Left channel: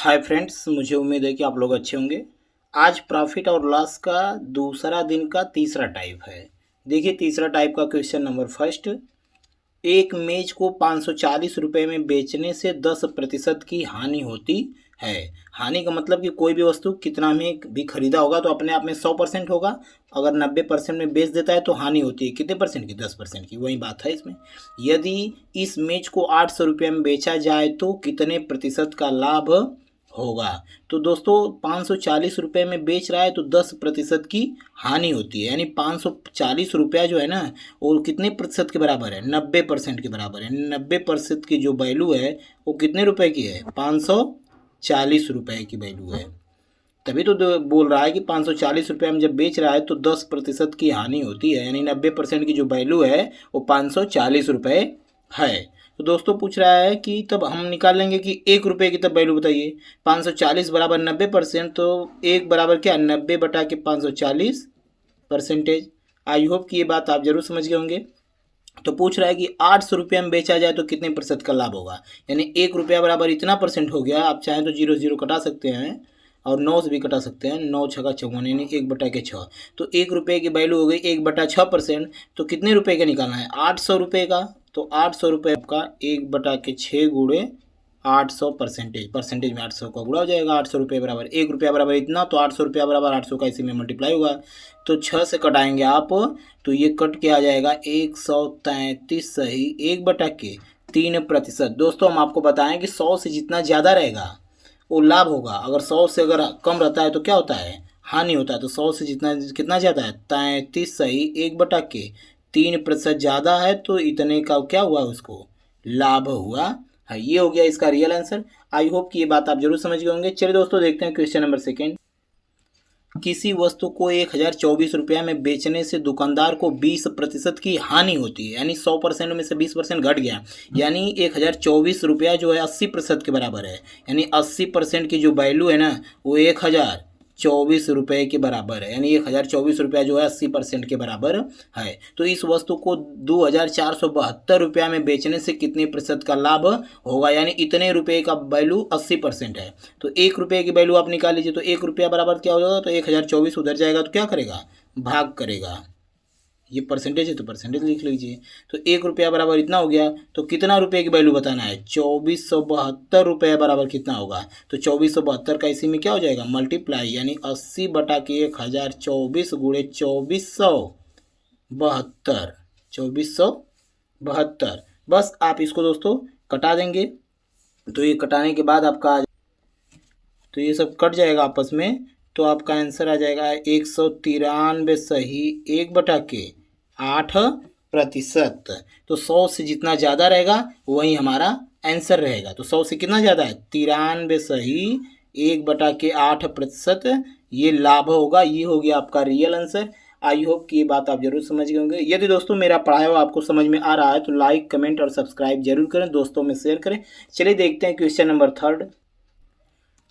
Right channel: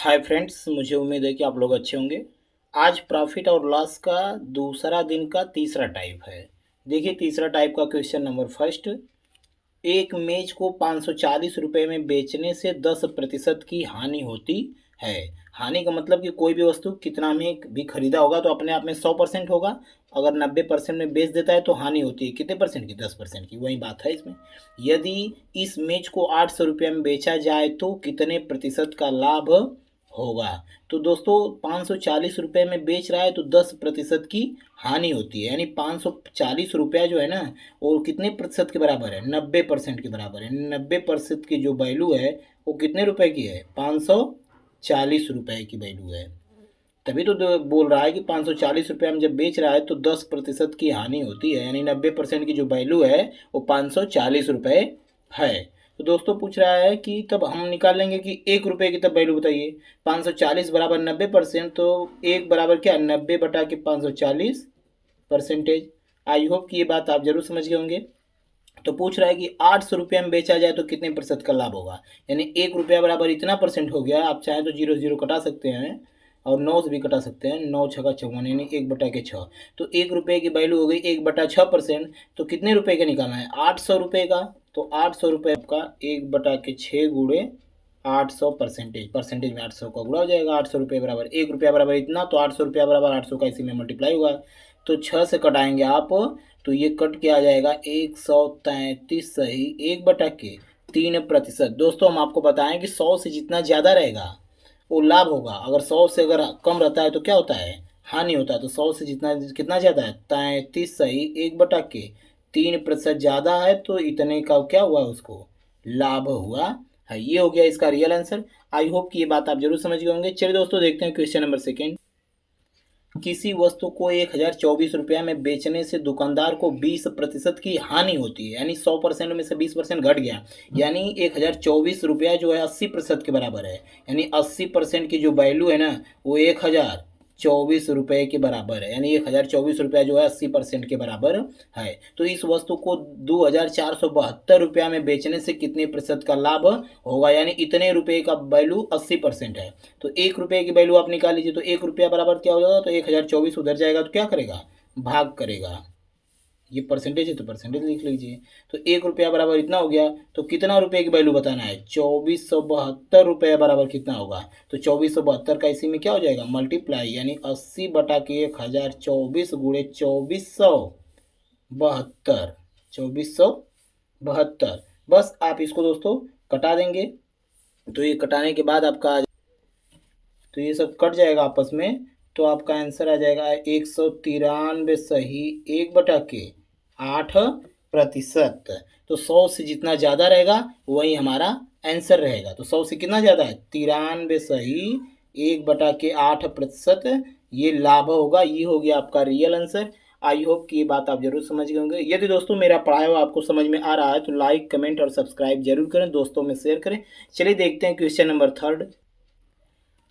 Hi friends, मुझे उम्मीद है कि आप लोग अच्छे होंगे। आज प्रॉफिट और लॉस का दूसरा दिन का तीसरा टाइप है। देखिए, तीसरा टाइप का क्वेश्चन नंबर फर्स्ट। एक मेज को 540 रुपये में बेचने से 10% की हानि होती है। हानि का मतलब कि कोई भी वस्तु कितना में भी खरीदा होगा तो अपने आप में 100% होगा। अगर 90% में बेच देता है तो हानि होती है कितने परसेंट की? 10% की। वही बात है इसमें। यदि इस मेज को 800 रुपये में बेचा जाए तो कितने प्रतिशत का लाभ होगा? तो दोस्तों, 540 रुपये में बेच रहा है तो 10% की हानि होती है। यानी 540 रुपया जो है ना, वो कितने प्रतिशत के बराबर है? 90% के बराबर है। 90% की जो वैल्यू है वो कितने रुपए की है? 540 रुपये की वैल्यू है। तभी तो बोल रहा है कि 540 रुपये में जब बेच रहा है तो 10% की हानि होती है। यानी 90% की जो वैल्यू है वो 540 रुपये है। तो दोस्तों, पूछ रहा है कि तब हम निकाल लेंगे कि 1 रुपये की तब वैल्यू बताइए। 540 बराबर 90%, तो एक बराबर क्या? 90 बटा के 540 परसेंटेज। आई होप कि ये बात आप जरूर समझ गए होंगे। तो पूछ रहा है कि 800 रुपये में बेचा जाए तो कितने प्रतिशत का लाभ होगा? यानी 1 रुपया बराबर इतना परसेंट हो गया। आप चाहें तो जीरो जीरो कटा सकते हैं और 9 से भी कटा सकते हैं। 9 छका 54 यानी 1/6। तो 1 रुपये की वैल्यू हो गई 1/6%। तो कितने रुपए का निकालना है? 800 रुपये का। तो 800 रुपये का 1/6 गुणे 800 परसेंटेज में 800 का गुणा हो जाएगा। 800 रुपये बराबर 1 रुपया बराबर इतना, तो 800 रुपया बराबर 800 का इसी में मल्टीप्लाई होगा। तो 6 से कटाएंगे आप तो ये कट के आ जाएगा 133 सही 1/3%। दोस्तों, हम आपको बताएं कि 100 से जितना ज़्यादा रहेगा वो लाभ होगा। अगर 100 से अगर कम रहता है तो क्या होता है? हानि होता है। तो 100 से जितना कितना ज़्यादा है? 33 सही 1/3% ज़्यादा है तो इतने का क्या हुआ? उसको लाभ हुआ है। ये हो गया इसका रियल आंसर। आई होप कि ये बात आप जरूर समझ गए होंगे। चलिए दोस्तों, देखते हैं क्वेश्चन नंबर सेकेंड। किसी वस्तु को 1024 रुपया में बेचने से दुकानदार को 20% की हानि होती है। यानी 100% में से 20% घट गया। यानी 1024 रुपया जो है 80% के बराबर है। यानी 80% की जो वैल्यू है ना, वो 1024 रुपये के बराबर है। यानी 1024 रुपया जो है 80% के बराबर है। तो इस वस्तु को 2472 रुपया में बेचने से कितने प्रतिशत का लाभ होगा? यानी इतने रुपये का वैल्यू 80% है। तो 1 रुपये की वैल्यू आप निकाल लीजिए। तो 1 रुपया बराबर क्या हो जाएगा? तो 1024 उधर जाएगा तो क्या करेगा? भाग करेगा। ये परसेंटेज है तो परसेंटेज लिख लीजिए। तो 1 रुपया बराबर इतना हो गया। तो कितना रुपये की वैल्यू बताना है? 2472 बराबर कितना होगा? तो 2472 का इसी में क्या हो जाएगा? मल्टीप्लाई। यानी 80 बटा के 1024 गुणे 2472। 2472। बस आप इसको दोस्तों कटा देंगे। तो ये कटाने के बाद आपका तो ये सब कट जाएगा आपस में। तो आपका आंसर आ जाएगा 193 सही 1/8%। तो 100 से जितना ज़्यादा रहेगा वही हमारा आंसर रहेगा। तो 100 से कितना ज़्यादा है? 93 सही 1/8%। ये लाभ होगा। ये हो गया आपका रियल आंसर। आई होप कि ये बात आप जरूर समझ गए होंगे। यदि दोस्तों मेरा पढ़ाया हुआ आपको समझ में आ रहा है तो लाइक, कमेंट और सब्सक्राइब जरूर करें, दोस्तों में शेयर करें। चलिए देखते हैं question number third.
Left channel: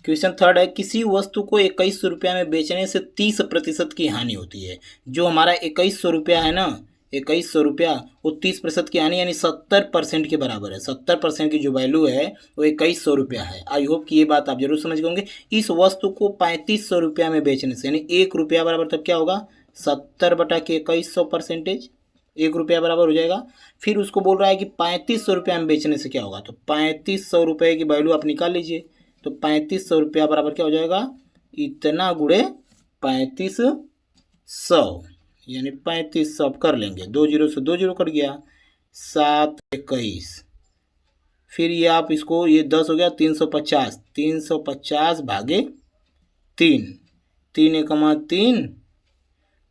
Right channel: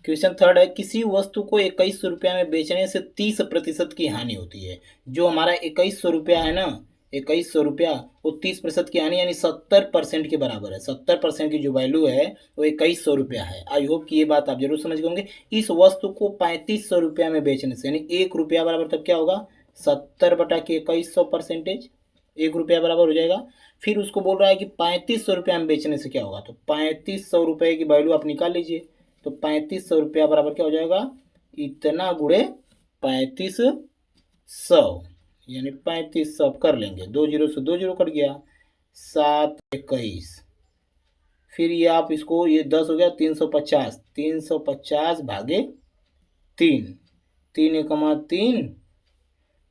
Question third है, किसी वस्तु को 2100 रुपया में बेचने से 30% की हानि होती है। जो हमारा 2100 रुपया है ना, 2100 रुपया, वो 30% की हानि यानी 70% के बराबर है। 70% की जो वैल्यू है वो 2100 रुपया है। आई होप कि ये बात आप जरूर समझ गए होंगे। इस वस्तु को 3500 रुपया में बेचने से यानी 1 रुपया बराबर तब क्या होगा? 70 बटा के 2100 परसेंटेज। 1 रुपया बराबर हो जाएगा। फिर उसको बोल रहा है कि 3500 रुपया में बेचने से क्या होगा? तो 3500 रुपये की वैल्यू आप निकाल लीजिए। तो 3500 रुपया बराबर क्या हो जाएगा? इतना गुणे 3500। यानी 3500 कर लेंगे। 2 जीरो से 2 जीरो कट गया। 721। फिर ये आप इसको, ये 10 हो गया। 350। 350 भागे 3। 3 एकमा 3।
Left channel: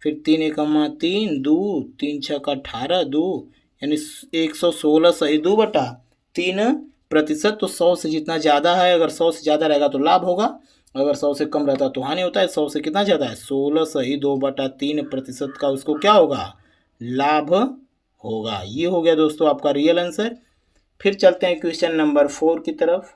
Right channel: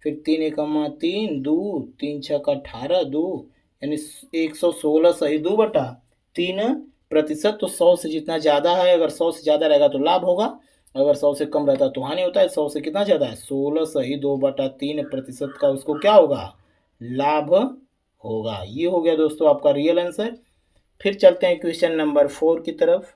फिर 3 एकमा 3 2। 3 छक्का 18 2। यानी 116 सही 2/3%। तो 100 से जितना ज़्यादा है, अगर 100 से ज़्यादा रहेगा तो लाभ होगा, अगर 100 से कम रहता है तो हानि होता है। 100 से कितना ज़्यादा है? 16 सही 2/3% का उसको क्या होगा? लाभ होगा। ये हो गया दोस्तों आपका रियल आंसर। फिर चलते हैं क्वेश्चन नंबर 4 की तरफ।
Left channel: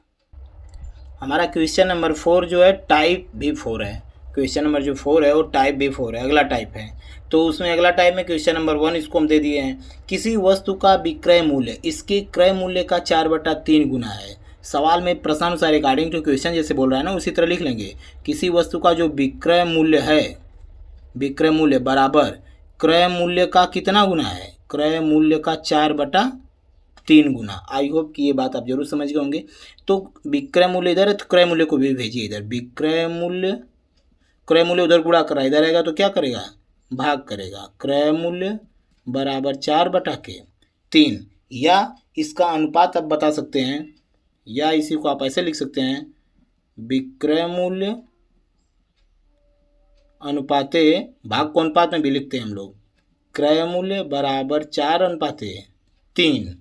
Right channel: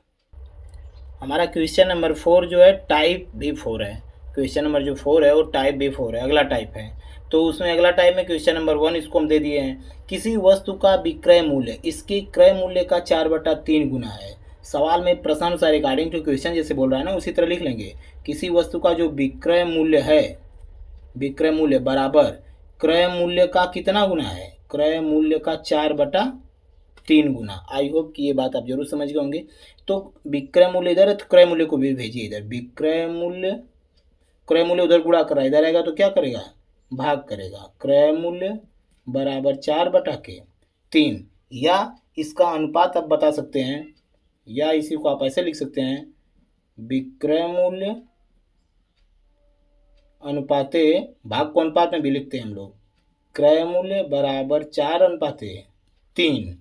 हमारा क्वेश्चन नंबर 4 जो है टाइप B4 है। क्वेश्चन नंबर जो 4 है वो टाइप B4 है, अगला टाइप है। तो उसमें अगला टाइप में क्वेश्चन नंबर 1 इसको हम दे दिए हैं। किसी वस्तु का विक्रय मूल्य इसके क्रय मूल्य का 4/3 गुना है। सवाल में प्रश्नानुसार अकॉर्डिंग टू क्वेश्चन जैसे बोल रहा है ना, उसी तरह लिख लेंगे। किसी वस्तु का जो विक्रय मूल्य है, विक्रय मूल्य बराबर क्रय मूल्य का कितना गुना है, क्रय मूल्य का 4/3 गुना। आई होप कि ये बात आप जरूर समझ गए होंगे। तो विक्रय मूल्य इधर है तो क्रय मूल्य को भी भेजिए इधर। विक्रय मूल्य, क्रय मूल्य उधर गुणा कर रहा है, इधर आएगा तो क्या करेगा, भाग करेगा। क्रय मूल्य बराबर 4/3, या इसका अनुपात आप बता सकते हैं, या इसी को आप ऐसे लिख सकते हैं, विक्रय मूल्य अनुपाते, भाग को अनुपात में भी लिखते हैं हम लोग, क्रय मूल्य बराबर 4/3।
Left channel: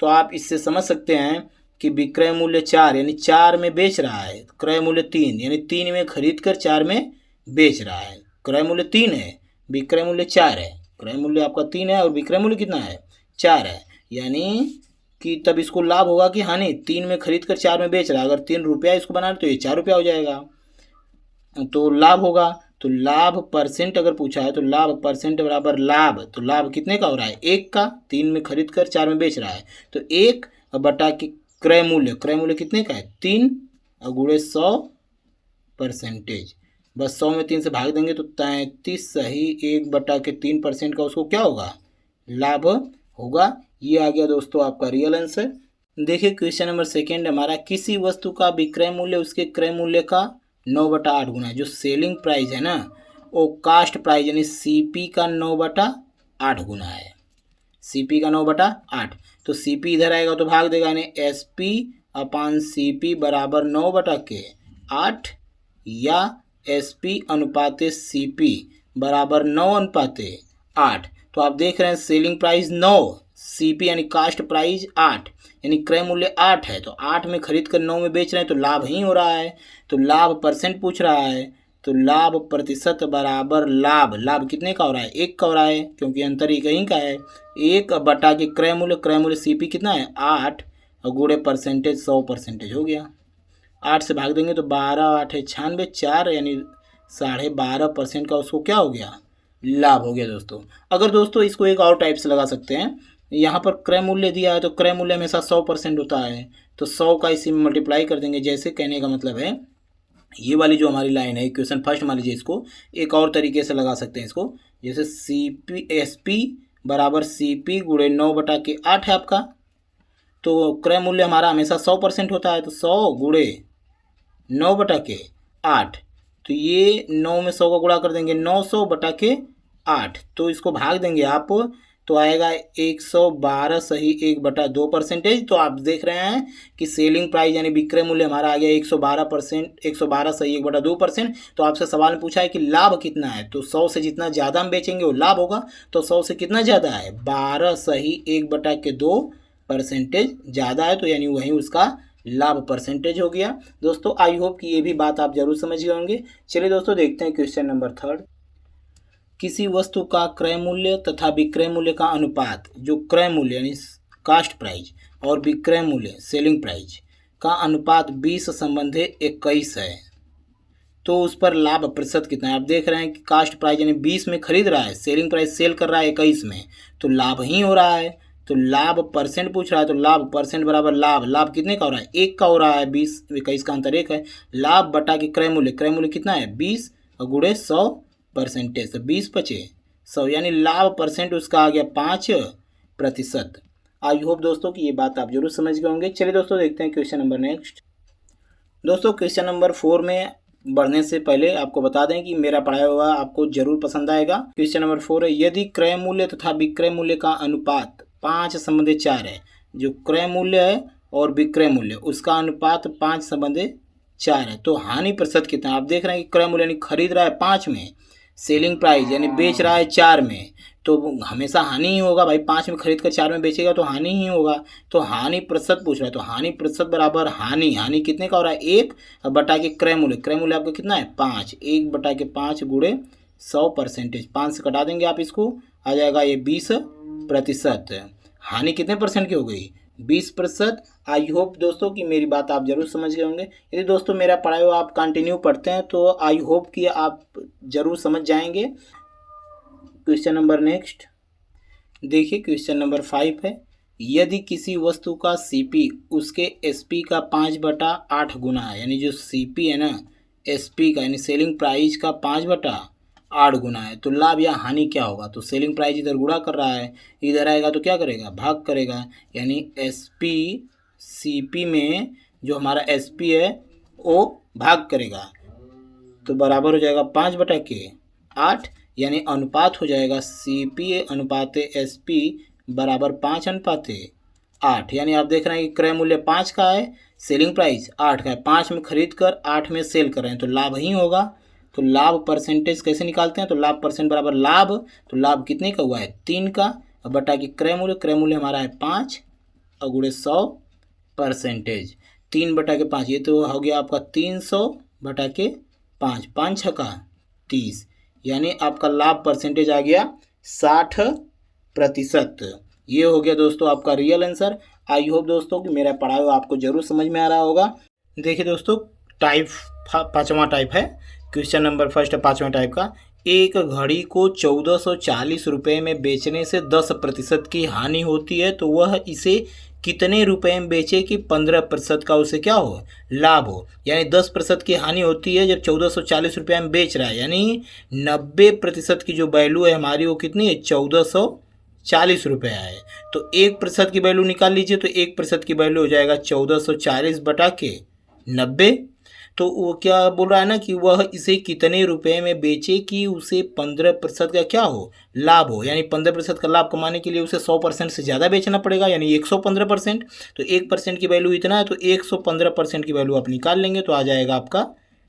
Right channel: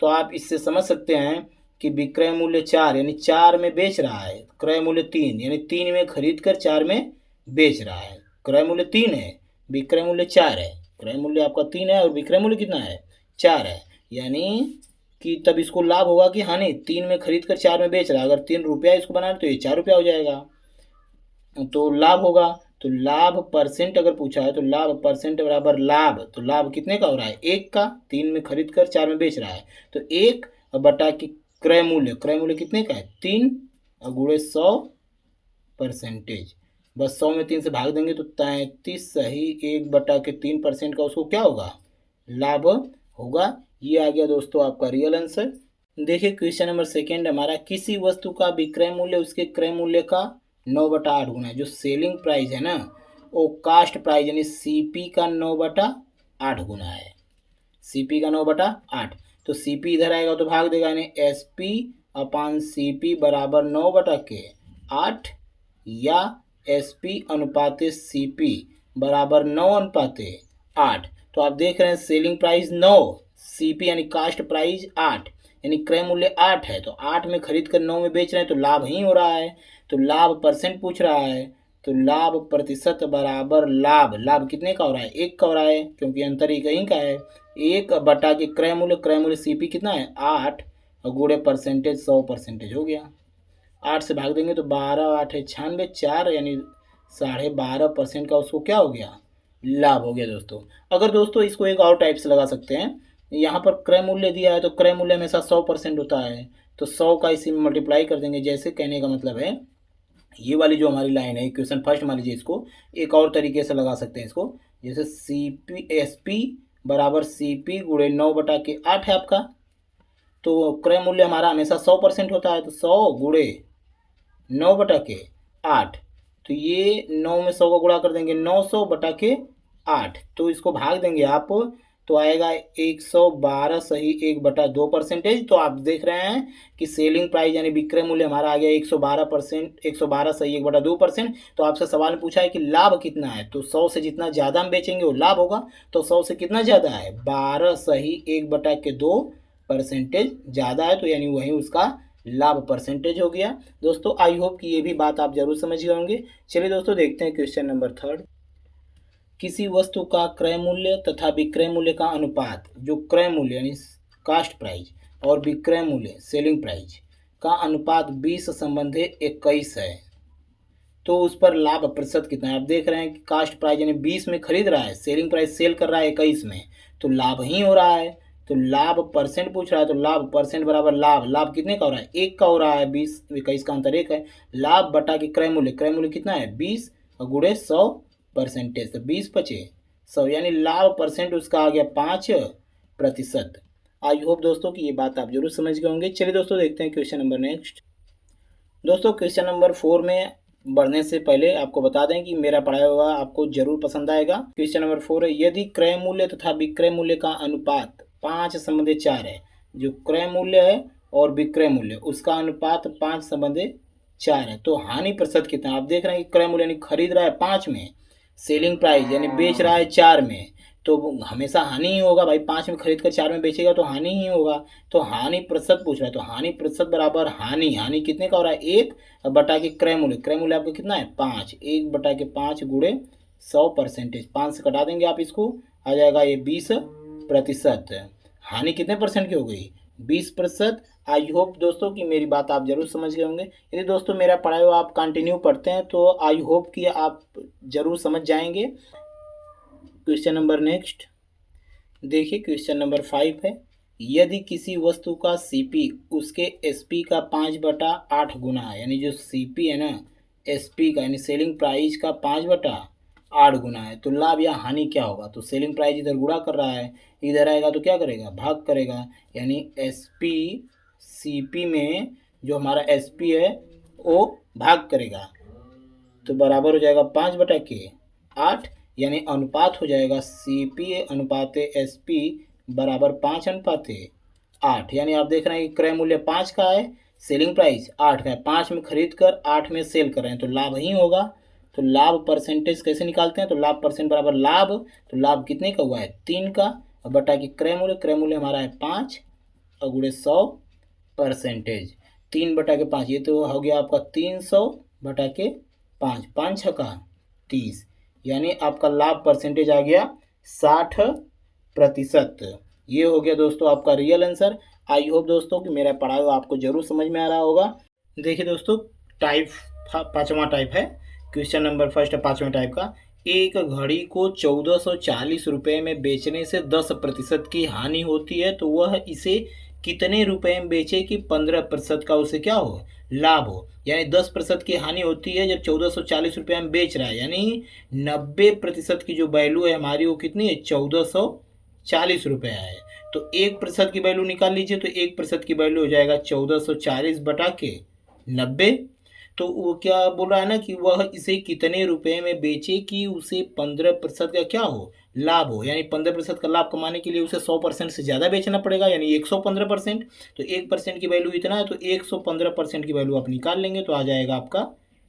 तो आप इससे समझ सकते हैं कि विक्रय मूल्य 4 यानी 4 में बेच रहा है, क्रय मूल्य 3 यानी 3 में खरीद कर 4 में बेच रहा है। क्रय मूल्य 3 है, विक्रय मूल्य 4 है। क्रय मूल्य आपका 3 है और विक्रय मूल्य कितना है, 4 है। यानी कि तब इसको लाभ होगा कि हानि, 3 में खरीद कर 4 में बेच रहा है। अगर 3 रुपया इसको बना रहे तो ये 4 रुपया हो जाएगा, तो लाभ होगा। तो लाभ परसेंट अगर पूछा है तो लाभ परसेंट बराबर लाभ, तो लाभ कितने का हो रहा है, 1 का। 3 में खरीद कर 4 में बेच रहा है तो 1 बटा के क्रय मूल्य, क्रय मूल्य कितने का है, 3 और गुणे 100%। बस 100 में 3 से भाग देंगे तो 33 सही 1/3% का उसको क्या होगा, लाभ होगा। ये आ गया दोस्तों आपका रियल आंसर। देखिए क्वेश्चन नंबर सेकेंड हमारा, किसी वस्तु का विक्रय मूल्य उसके क्रय मूल्य का 9/8 गुना है। जो सेलिंग प्राइस है ना, वो कास्ट प्राइस यानी सीपी का 9/8 गुना है। सीपी का 9/8, तो सीपी इधर आएगा तो भाग देगा, यानी एसपी अपान सीपी बराबर 9/8, या एसपी अनुपाते सीपी बराबर 9/8। तो आप देख रहे हैं सेलिंग प्राइस 9, सीपी यानी कास्ट प्राइस 8, यानी क्रय मूल्य 8 है। तो 8 में खरीद कर 9 में बेच रहे हैं तो लाभ ही हो रहा है। तो लाभ परसेंट पूछ रहा है, तो लाभ प्रतिशत बराबर लाभ, लाभ कितने का हो रहा है, 1 का हो रहा है, क्योंकि अंतर एक ही का है। 1 बटा के क्रय मूल्य, क्रय मूल्य सीपी कितना है 8 और गुणे परसेंटेज 100% हो गया। 8 से भाग देंगे तो 12 8 है 96, 4 यानी 12.5% का उसको क्या हो गया, लाभ हो गया दोस्तों। अगर दोस्तों इसको एक और टाइप से लगा सकते हैं, यहाँ पर क्रय मूल्य दिया है तो क्रय मूल्य हमेशा 100% होता है, तो 100 का इसी में मल्टीप्लाई कर देंगे। जैसे कहने का मतलब है, ये वाली जो हमारी लाइन है इक्वेशन फर्स्ट मान लीजिए, इसको एक और तरीके से लगा सकते हैं इसको, जैसे सीपी एसपी बराबर सीपी गुणे 9/8 है आपका। तो क्रय मूल्य हमारा हमेशा 100% होता है, तो 100 गुणे 9/8, तो ये 9 में 100 का गुणा कर देंगे, 900/8, तो इसको भाग देंगे आप तो आएगा 112 सही 1/2%। तो आप देख रहे हैं कि सेलिंग प्राइस यानी विक्रय मूल्य हमारा आ गया 112%, 112 सही 1/2%। तो आपसे सवाल में पूछा है कि लाभ कितना है, तो 100 से जितना ज़्यादा हम बेचेंगे वो लाभ होगा। तो 100 से कितना ज़्यादा है, 12 सही 1/2% ज़्यादा है, तो यानी वही उसका लाभ परसेंटेज हो गया। दोस्तों आई होप कि ये भी बात आप जरूर समझ गए होंगे। चलिए दोस्तों देखते हैं क्वेश्चन नंबर थर्ड। किसी वस्तु का क्रय मूल्य तथा विक्रय मूल्य का अनुपात, जो क्रय मूल्य यानी कास्ट प्राइस और विक्रय मूल्य सेलिंग प्राइस का अनुपात 20/21 है, तो उस पर लाभ प्रतिशत कितना है। आप देख रहे हैं कि कास्ट प्राइस यानी 20 में खरीद रहा है, सेलिंग प्राइस सेल कर रहा है 21 में, तो लाभ ही हो रहा है। तो लाभ परसेंट पूछ रहा है, तो लाभ परसेंट बराबर लाभ, लाभ कितने का हो रहा है, 1 का हो रहा है, 20 21 का अंतर 1 है। लाभ बटा के क्रय मूल्य, क्रय मूल्य कितना है 20 और गुणे 100%, तो 20 × 100 यानी लाभ परसेंट उसका आ गया 5%। आई होप दोस्तों कि ये बात आप जरूर समझ गए होंगे। चलिए दोस्तों देखते हैं क्वेश्चन नंबर नेक्स्ट। दोस्तों क्वेश्चन नंबर 4 में बढ़ने से पहले आपको बता दें कि मेरा पढ़ाया हुआ आपको जरूर पसंद आएगा। क्वेश्चन नंबर 4 है, यदि क्रय मूल्य तथा विक्रय मूल्य का अनुपात 5/4 है, जो क्रय मूल्य है और विक्रय मूल्य उसका अनुपात 5/4 है, तो हानि प्रतिशत कितना है। आप देख रहे हैं कि क्रय मूल्य यानी खरीद रहा है 5 में, सेलिंग प्राइस यानी बेच रहा है 4 में, तो हमेशा हानि ही होगा भाई। 5 में खरीद कर 4 में बेचेगा तो हानि ही होगा। तो हानि प्रतिशत पूछ रहा है, तो हानि प्रतिशत बराबर हानि, हानि कितने का हो रहा है 1 बटा के क्रय मूल्य, क्रय मूल्य आपका कितना है 5, 1 बटा के 5 गुणे 100%, 5 से कटा देंगे आप इसको, आ जाएगा ये 20%। हानि कितने परसेंट की हो गई 20%। आई होप दोस्तों कि मेरी बात आप जरूर समझ गए होंगे। यदि दोस्तों मेरा पढ़ाया हुआ आप कंटिन्यू पढ़ते हैं तो आई होप कि आप जरूर समझ जाएंगे। क्वेश्चन नंबर नेक्स्ट देखिए, क्वेश्चन नंबर 5 है, यदि किसी वस्तु का सीपी उसके एसपी का 5/8 गुना है, यानी जो सीपी है ना एसपी का यानी सेलिंग प्राइस का 5/8 गुना है, तो लाभ या हानि क्या होगा। तो सेलिंग प्राइस इधर गुणा कर रहा है, इधर आएगा तो क्या करेगा, भाग करेगा, यानी एसपी सीपी में जो हमारा एसपी है वो भाग करेगा, तो बराबर हो जाएगा 5/8, यानी अनुपात हो जाएगा सीपी अनुपात एसपी बराबर 5/8, यानी आप देख रहे हैं कि क्रय मूल्य 5 का है, सेलिंग प्राइस 8 का है, 5 में खरीद कर 8 में सेल कर रहे हैं, तो लाभ ही होगा। तो लाभ परसेंटेज कैसे निकालते हैं, तो लाभ परसेंट बराबर लाभ, तो लाभ कितने का हुआ है 3 का, और बटा की क्रय मूल्य हमारा है 5 और गुणे 100%, 3/5, ये तो हो गया आपका 300/5, 5×6 = 30, यानी आपका लाभ परसेंटेज आ गया 60%। ये हो गया दोस्तों आपका रियल आंसर। आई होप दोस्तों कि मेरा पढ़ाया हुआ आपको जरूर समझ में आ रहा होगा। देखिए दोस्तों, टाइप 5वां टाइप है, क्वेश्चन नंबर फर्स्ट है 5वें टाइप का। एक घड़ी को 1440 रुपये में बेचने से 10% की हानि होती है, तो वह इसे कितने रुपए में बेचे कि 15% का उसे क्या हो, लाभ हो। यानी 10% की हानि होती है जब 1440 रुपये में बेच रहा है, यानी 90% की जो वैल्यू है हमारी वो कितनी है, 1440 रुपये है। तो 1% की वैल्यू निकाल लीजिए, तो 1% की वैल्यू हो जाएगा 1440/90। तो वो क्या बोल रहा है ना कि वह इसे कितने रुपए में बेचे कि उसे 15% का क्या हो, लाभ हो। यानी 15% का लाभ कमाने के लिए उसे 100% से ज़्यादा बेचना पड़ेगा, यानी 115%। तो 1% की वैल्यू इतना है, तो 115% की वैल्यू आप निकाल लेंगे तो आ जाएगा आपका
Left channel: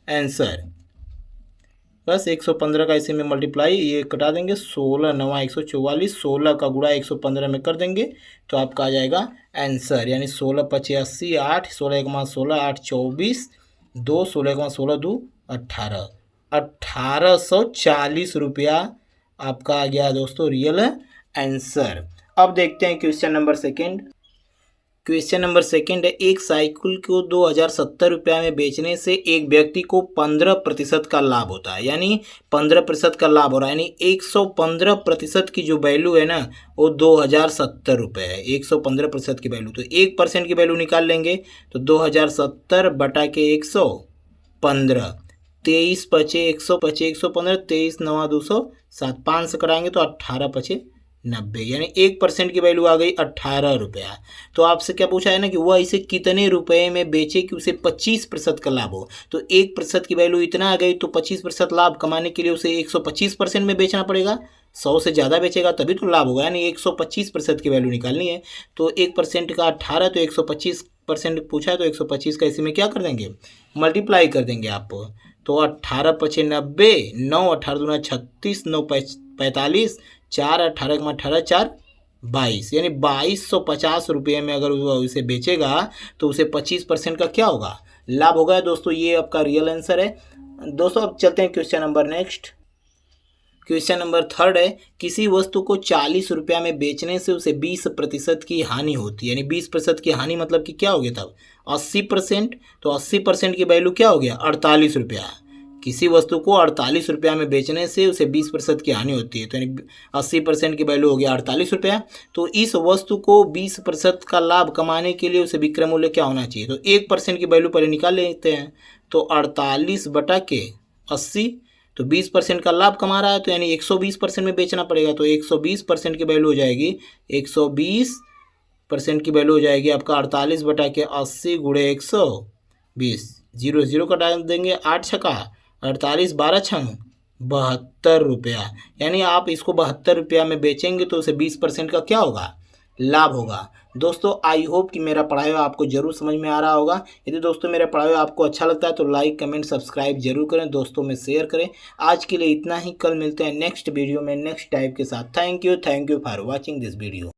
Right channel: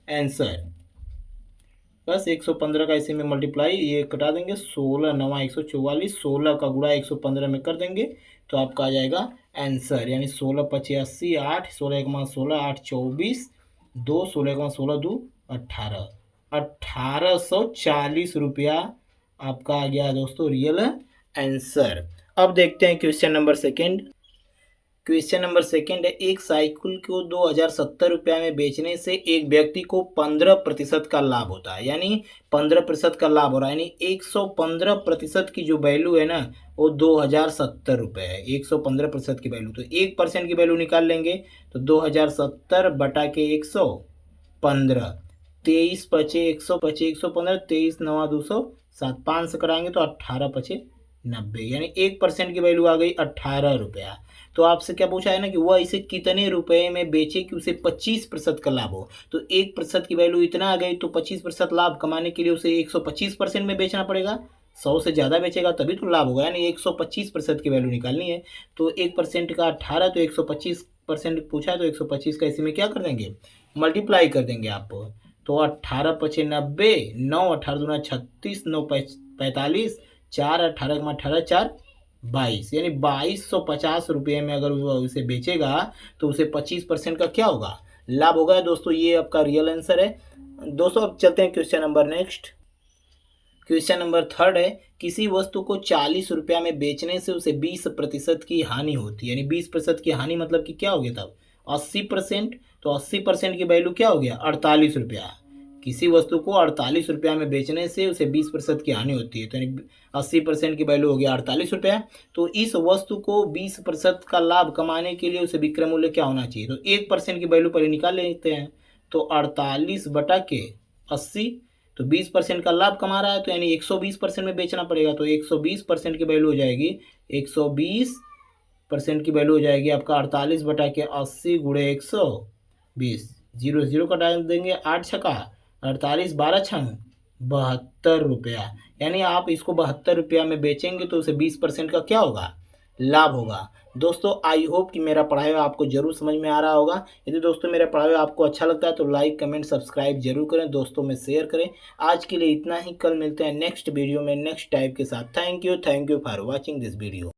आंसर। बस 115 का इसी में मल्टीप्लाई, ये कटा देंगे, 16×9 = 144, 16 का गुणा 115 में कर देंगे तो आपका आ जाएगा आंसर, यानी 16×5 = 80, 8, 16×1 = 16, 8, 24, 2, 16×16, 2, 18, 1840 रुपया आपका आ गया दोस्तों रियल आंसर। अब देखते हैं question number second. Question number second है, एक साइकिल को 2070 रुपया में बेचने से एक व्यक्ति को 15% का लाभ होता है, यानी 15% का लाभ हो रहा है, यानी 115% की जो वैल्यू है ना वो 2070 रुपये है, 115% की वैल्यू। तो 1% की वैल्यू निकाल लेंगे तो 2070/115, 23 पचे 115, 23×9 = 207, 5 से कराएंगे तो 18×5 = 90, यानी 1% की वैल्यू आ गई 18 रुपया। तो आपसे क्या पूछा है ना कि वह इसे कितने रुपए में बेचे कि उसे 25% का लाभ हो। तो 1% की वैल्यू इतना आ गई, तो 25% लाभ कमाने के लिए उसे 125% में बेचना पड़ेगा, 100 से ज़्यादा बेचेगा तभी तो लाभ होगा, यानी 125% की वैल्यू निकालनी है। तो 1% का 18, तो 125% पूछा है, तो 125 का इसी में क्या कर देंगे, मल्टीप्लाई कर देंगे आप। तो 18×5 = 90, 9 18 दूना 36, 9 45, 4 18×18 4 22, यानी 2250 रुपये में अगर वो इसे बेचेगा तो उसे 25% का क्या होगा, लाभ होगा। दोस्तों ये आपका रियल आंसर है। दोस्तों अब चलते हैं question number next. Question number third है, किसी वस्तु को 40 रुपया में बेचने से उसे 20% की हानि होती है, यानी 20% की हानि मतलब कि क्या हो गया तब 80%। तो 80% की वैल्यू क्या हो गया, 48 रुपया। किसी वस्तु को 48 रुपया में बेचने से उसे 20% की हानि होती है, तो यानी 80% की वैल्यू हो गया 48 रुपया। तो इस वस्तु को 20% का लाभ कमाने के लिए उसे विक्रय मूल्य क्या होना चाहिए, तो 1% की वैल्यू पहले निकाल लेते हैं। तो 48/80, तो 20% का लाभ कमा रहा है, तो यानी 120% में बेचना पड़ेगा, तो 120% की वैल्यू हो जाएगी, 120% की वैल्यू हो जाएगी आपका 48/80 × 120, 0 0 का डाल देंगे, 8×6 = 48, 12×6 = 72 रुपया। यानी आप इसको 72 रुपया में बेचेंगे तो उसे 20% का क्या होगा, लाभ होगा। दोस्तों आई होप कि मेरा पढ़ाया हुआ आपको जरूर समझ में आ रहा होगा। यदि दोस्तों मेरा पढ़ाया हुआ आपको अच्छा लगता है तो लाइक कमेंट सब्सक्राइब जरूर करें, दोस्तों में शेयर करें। आज के लिए इतना ही, कल मिलते हैं नेक्स्ट वीडियो में नेक्स्ट टाइप के साथ। Thank you for watching this video.